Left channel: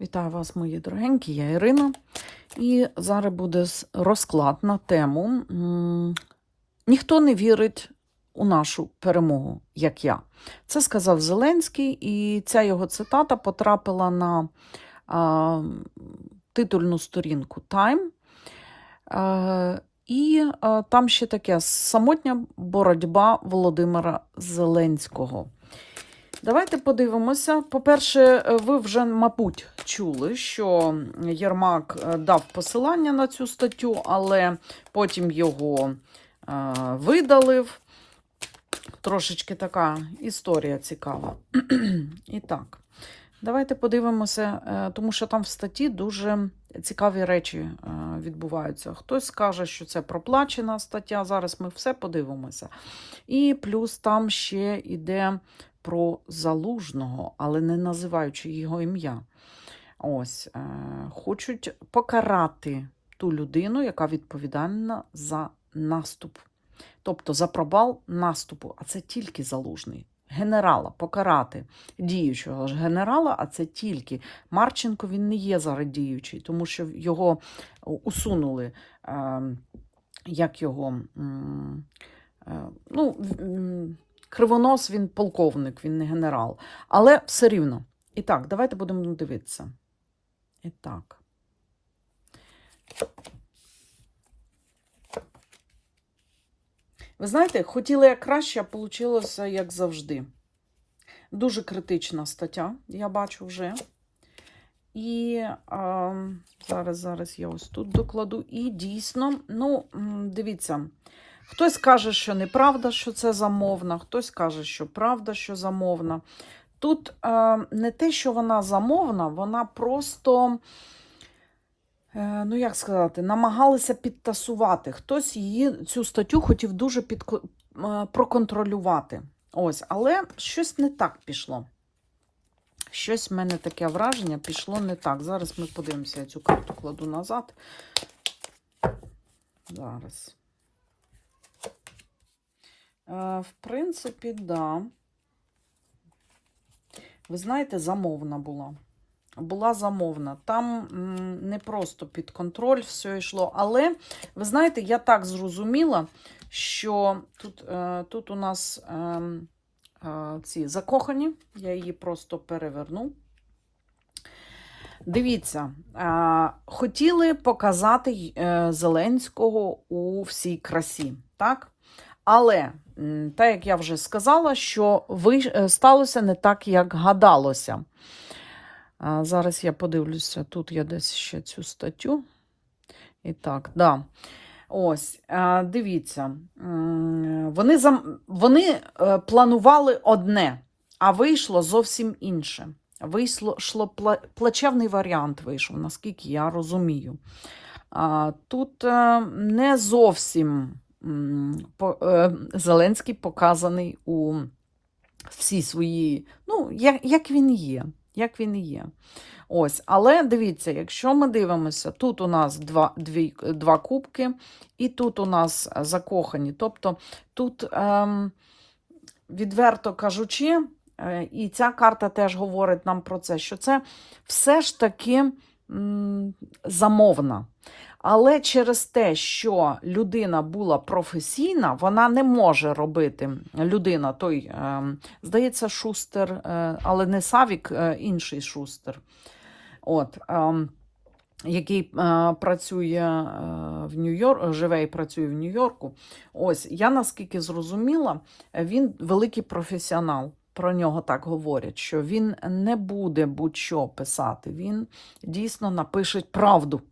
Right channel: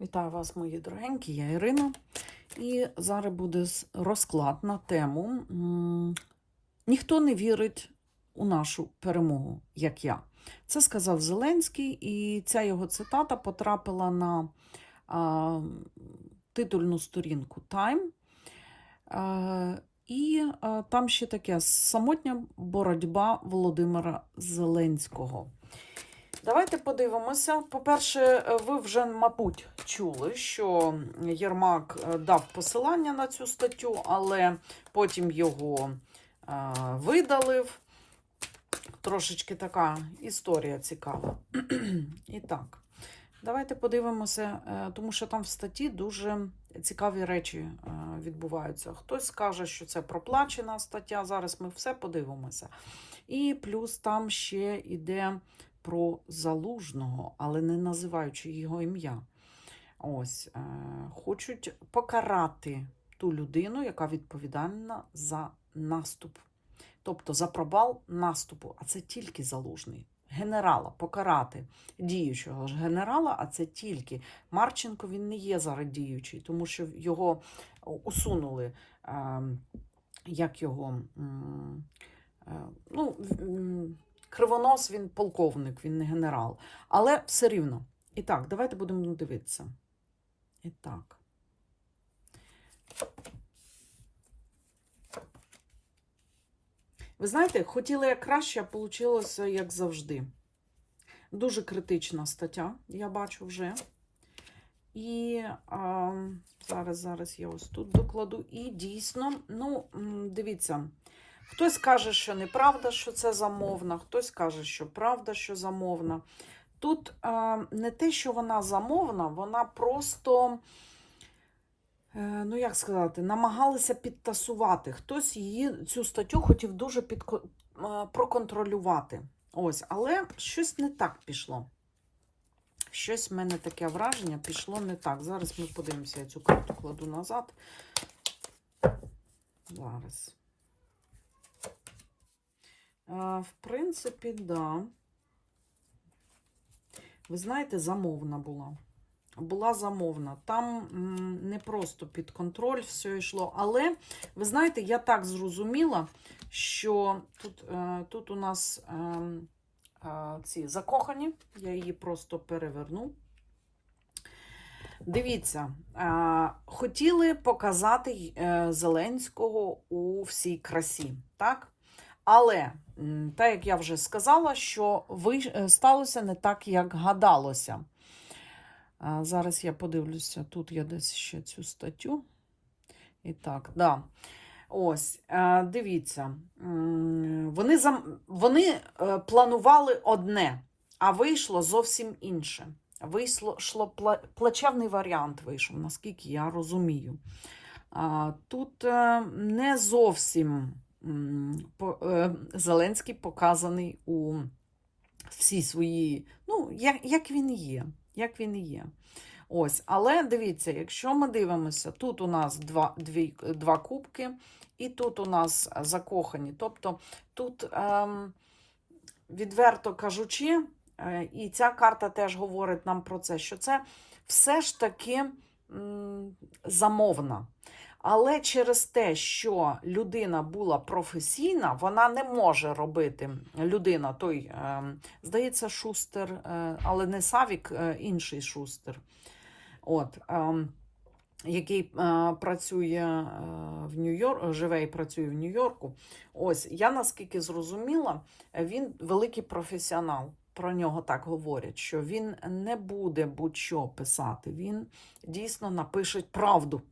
Вітаю вас, мої дорогенькі, я Ірина. І зараз буде розклад на тему Ніхто не вірить у нашу перемогу, як я. Це сказав Зеленський, і ця його цитата потрапила на а, титульну сторінку Time. Е, і е, там ще таке самотня боротьба Володимира Зеленського. Давайте подивимося. По-перше, е, ви вже, мабуть, чули, що Єрмак е, дав посилання на цю статтю, але потім його е, видалив. Трошечки така історія цікава. І так, давайте подивимося, тому що там в статті дуже цікаві речі відбуваються. Хтось скаже, що це проплачена стаття. Зараз ми все подивимося. І плюс там ще йде про залужного, але не називаючи його ім'я. Ось, е, хочуть покарати ту людину, яка відповідальна за наступ. Тобто за провал наступу, а це тільки залужний. Генерала покарати діючого ж генерала, а це тільки Марченко він не є зараз діючий, тому що його усунули, е, як його. е, ну, Кривонос він полковник, він не генерал. Але все рівно. І так, давайте будемо дивитися. І так. Ви знаєте, хотіла я краще, а вийшло як завжди. Дуже критична стаття, я бачу вже. І а, зараз, зараз я ось тут докладу. І дійсно, ну, дивіться, хтось каже, що неправда, що це замовна, хтось каже, що правда, що замовна. Тут е, не те, що вона замовна, вона просто, е, ну як сказати, намагалися підтасувати. Хтось її цю статтю хотів дуже підко- е, проконтролювати. Ось, але щось не так пішло. Щось в мене таке враження пішло не так. Зараз ми подивимося, я цю карту кладу назад. Зараз. Е, в принципі, да. Ви знаєте, замовна була. Була замовна. Там не просто під контроль все йшло. Але, ви знаєте, я так зрозуміла, що тут, е, тут у нас ем, е, ці закохані, я її просто переверну. Дивіться, хотіли показати Зеленського у всій красі, так? Але, так як я вже сказала, що ви, е, сталося не так, як гадалося. Зараз я подивлюся, тут я десь ще цю статтю. І так, да. Ось, дивіться, вони, зам... вони е, планували одне, а вийшло зовсім інше. Вийшло шло плачевний варіант вийшов, наскільки я розумію. Тут е, не зовсім Зеленський показаний у всій своїй, ну, як, як він є. Як він є. Ось, але дивіться, якщо ми дивимося, тут у нас два, дві, два кубки, і тут у нас закохані. Тобто тут, ем, відверто кажучи, е, і ця карта теж говорить нам про це, що це все ж таки м, замовна. Але через те, що людина була професійна, вона не може робити людина, той, ем, здається, шустер, е, але не Савік, е, інший шустер. От, який е, працює е, в Нью-Йорку, живе і працює в Нью-Йорку. Ось я наскільки зрозуміла, він великий професіонал. Про нього так говорять, що він не буде будь-що писати. Він дійсно напише правду.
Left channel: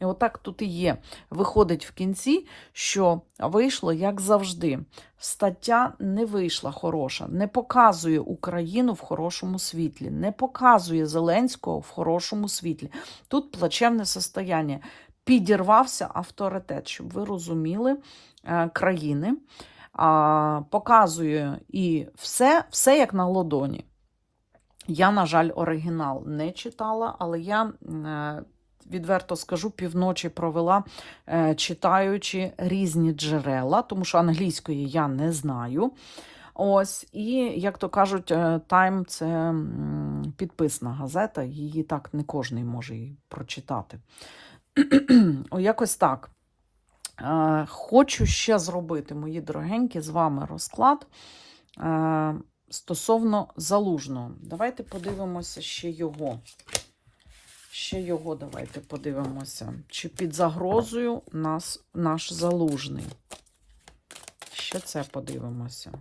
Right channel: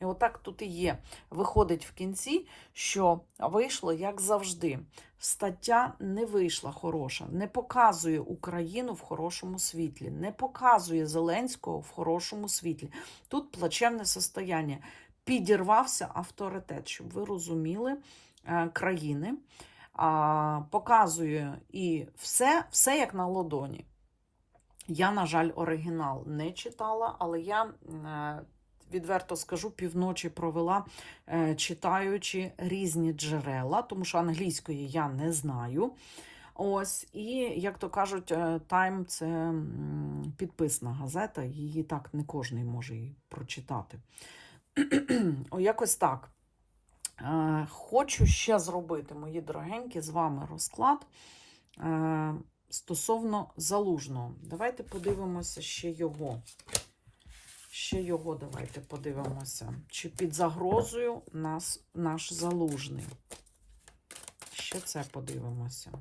І отак тут і є. Виходить в кінці, що вийшло як завжди. Стаття не вийшла хороша, не показує Україну в хорошому світлі, не показує Зеленського в хорошому світлі. Тут плачевне состояння. Підірвався авторитет, щоб ви розуміли е, країни. Показує і все, все як на ладоні. Я, на жаль, оригінал не читала, але я. Е, Відверто скажу, півночі провела, е, читаючи різні джерела, тому що англійської я не знаю. Ось, і, як то кажуть, е, Time це підписна газета, її так не кожен може і прочитати. Якось так. Е, Хочу ще зробити, мої дорогенькі, з вами розклад е, стосовно залужного. Давайте подивимося ще його. Ще його давайте подивимося. Чи під загрозою нас наш залужний? Ще це подивимося.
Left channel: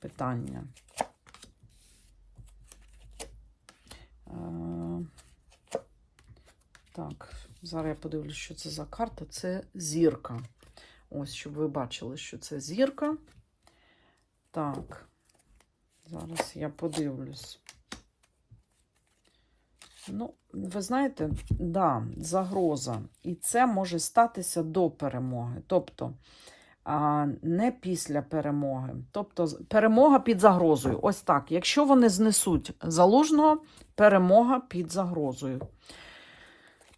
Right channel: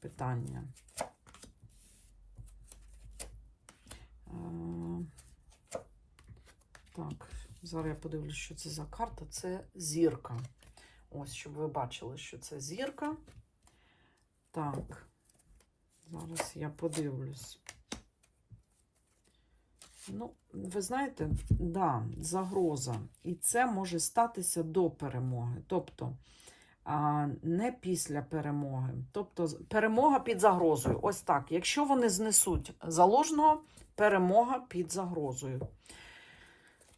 Питання. Е, Так, зараз я подивлюсь, що це за карта. Це зірка. Ось, щоб ви бачили, що це зірка. Так, зараз я подивлюсь. Ну, ви знаєте, да, загроза. І це може статися до перемоги. Тобто, а, не після перемоги. Тобто, перемога під загрозою. Ось так. Якщо вони знесуть залужного, перемога під загрозою.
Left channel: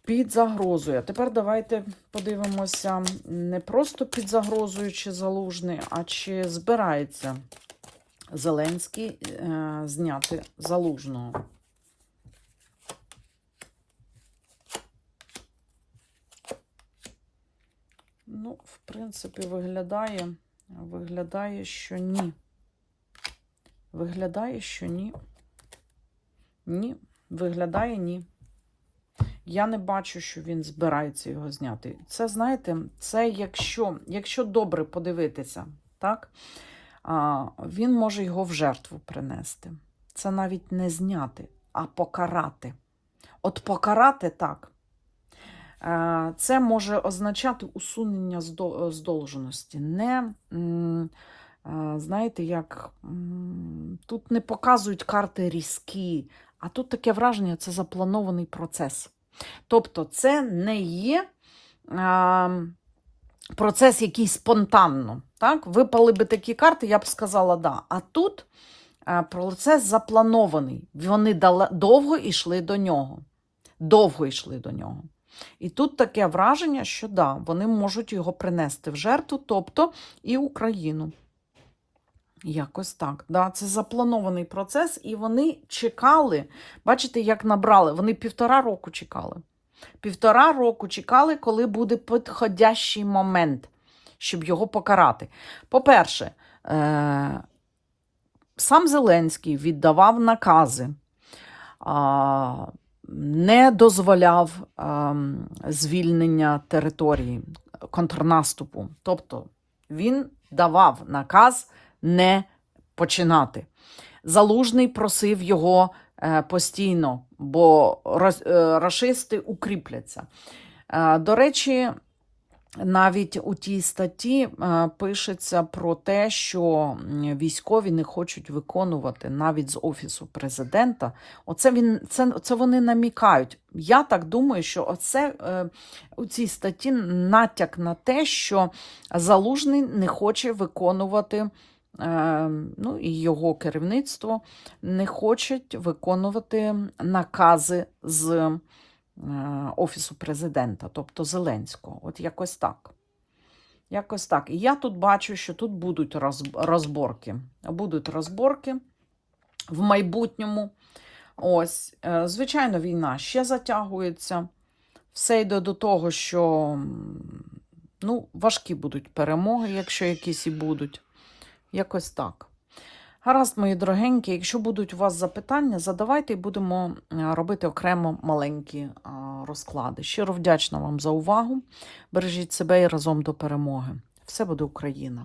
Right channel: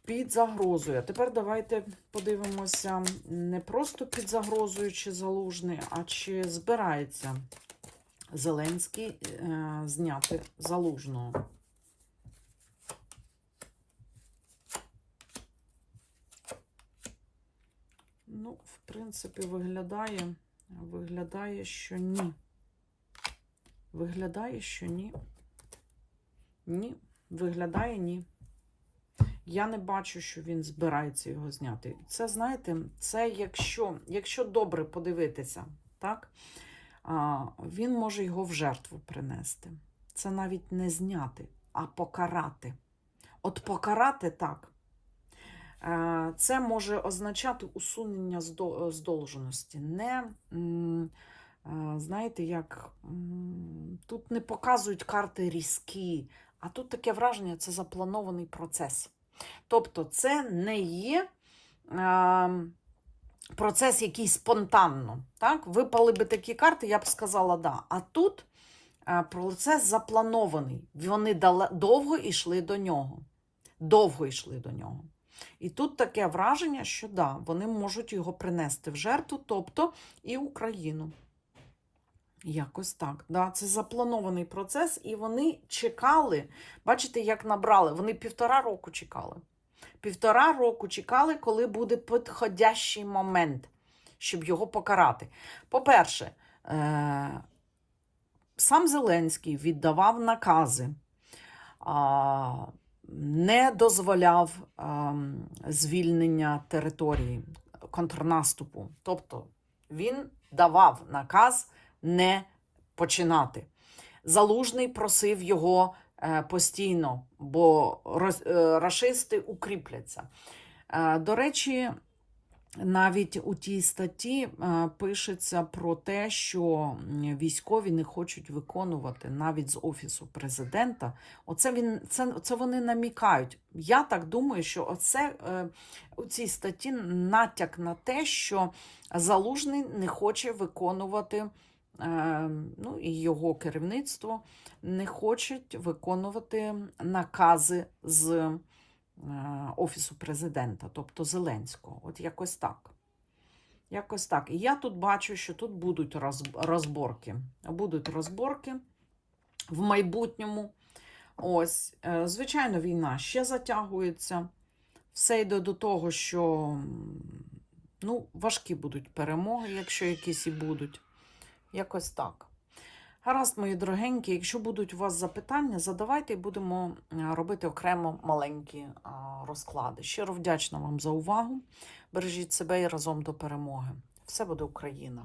Під загрозою. А тепер давайте подивимося не просто під загрозою чи залужний, а чи збирається Зеленський е, зняти залужного. Ну, в принципі, виглядає, виглядає, що ні. Виглядає, що ні. Ні, виглядає ні. Я не бачу, що він збирається його зняти. Це, знаєте, це якщо, якщо добре подивитися, так, а, він може його в жертву принести. Це навіть не зняти, а покарати. От покарати так. Е, Це може означати усунення здо- здолженості. Не, е, знаєте, як тут не показують карти різкі, а тут таке враження, це запланований процес. Тобто, це не є е, процес, який спонтанно. Так? Випали би такі карти, я б сказала, да. А тут е, процес запланований. Вони довго йшли до нього. Довго йшли до нього. І тут таке враження, що да, вони можуть його принести в жертву, тобто і Україну. Якось так. Да, Це запланований процес, і вони чекали. Бачите, як набрали? Вони півтора року чекали. Півтора року чекали, коли буде підходящий момент, щоб його покарати. По-перше, е- сам Зеленський віддавав накази. Не дозволяв ем, звільнення території контрнаступу. Тобто він давав наказ не починати. Залужний просив його е, постійно, бо е, рашисти укріпляться. Е, До речі, навіть у тій статті е, пишеться про те, що військові не хочуть виконувати навіть з офісу президента. Оце він це, це вони намікають. Я так думаю, що оце е, у цій статті натяк на те, що залужний не хоче виконувати. е, Ну, і його керівництво не хочуть виконувати накази з Офісу президента, тобто Зеленського. От якось так. Якось так. І я тут бачу, що тут будуть роз- розборки. Будуть розборки в майбутньому. Ось, е, звичайно, війна ще затягується. Все йде до того, що ну, важкі будуть перемоги, якщо якісь і будуть. Якось так. Гаразд, мої дорогенькі, якщо будуть у вас запитання, задавайте і будемо е, робити окремо маленькі розклади. Щиро вдячна вам за увагу. Бережіть себе і разом до перемоги. Все буде Україна!